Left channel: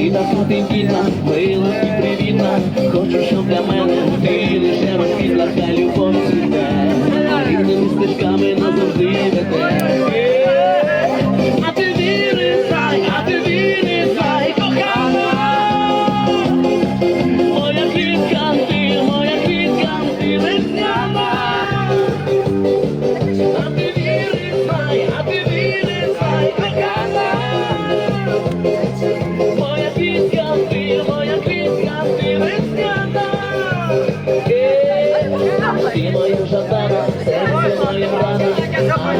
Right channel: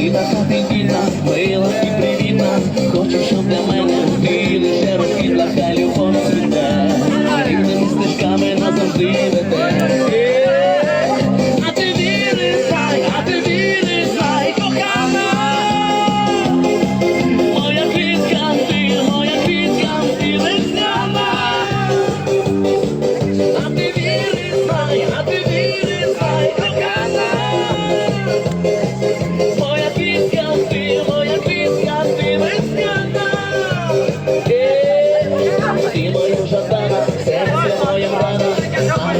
Ти так дебільна, мила і привітна, хочу, щоб для мене ти лише розквітла.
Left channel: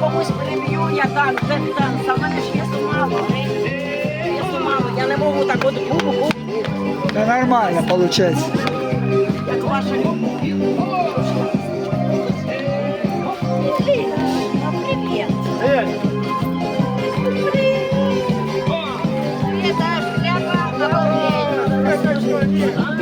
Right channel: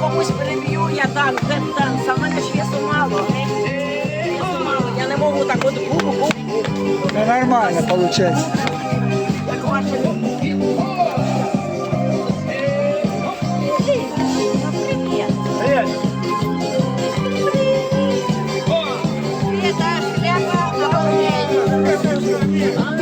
комусь переб'ю, я там, де танц, а мене ж весу мало. Весу мало, я не можу так от бу-бу-бу. Да нормально получается. Yeah.